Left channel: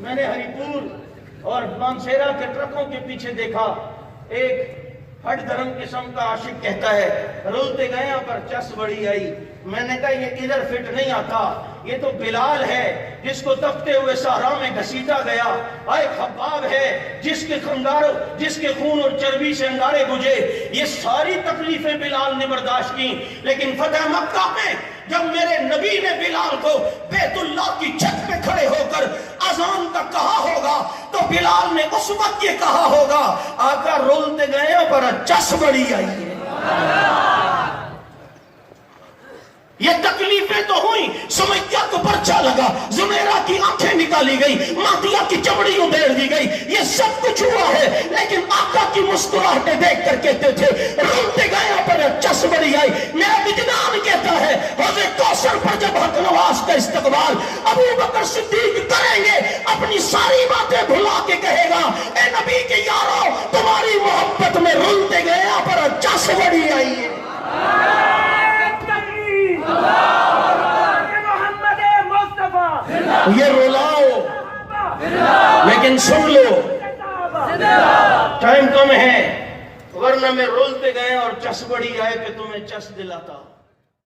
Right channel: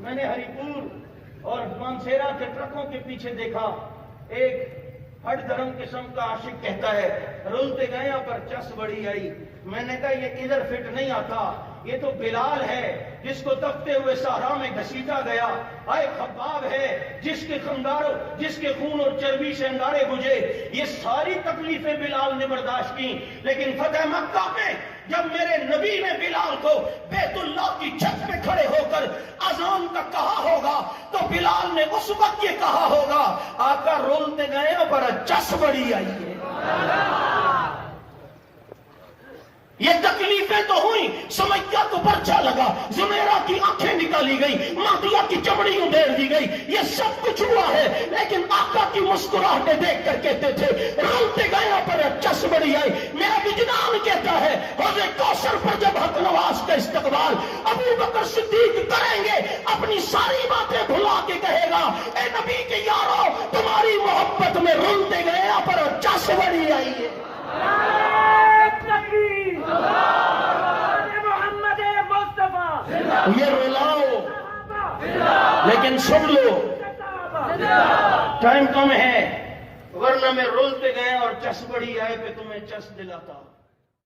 میں نے ہری پور اور مانسیرا کے ٹرکوں کے پیچھے دیکھا، ایک ہٹ درم قسم کا عاشق کہتا ہے رولتے گئے پر چس بڑی آئی۔ میں نے کہا یہ ادھر فٹ نہیں آتا، یہ تو بلال ہے جس کو تپتے ہوئے صحرا میں گھسیٹا گیا، آئے خباب ہے جس کے خون اور چربی سے انگارے بجھے۔ یہ ساری تکلیفیں بلال نے برداشت کی، لیکن فتح مکہ میں جب میرے نبی نے بلال کو بیت اللہ کی چھت پہ کھڑے ہو کر اذان تک کہا ہوگا تو بلال نے اس وقت یہ کہا ہوگا آقا رولتے گئے پر چس بڑی آئی ہے۔ یہ تکلیفیں تو ہوئی، سمیہ کو پرچا لگا، زمیرہ کی آنکھیں نکالی گئی، مہدیہ کی چمڑی ادھیڑ دی گئی، یہ سب کچھ ہوا ہے، لیکن آقا کی مسکراہٹیں دیکھ کر کہتے تھے رولتے گئے پر چس بڑی آئی۔ میرا وجدان کہتا ہے حوض کوثر پر جب حق نواز کا استقبال ابو بکر صدیق کریں گے، اپنی ساری باتیں بھلا کے کہے گا اے نبی کے یارو تمہاری محبت میں رولتے گئے پر چس بڑی آئی ہے۔ یہ رولاؤ لیکن سن لو، ٹائم کم ہے، ورنہ میں رولتے گئے اور چس بڑی آئے کہ تمہیں چس دلاتا۔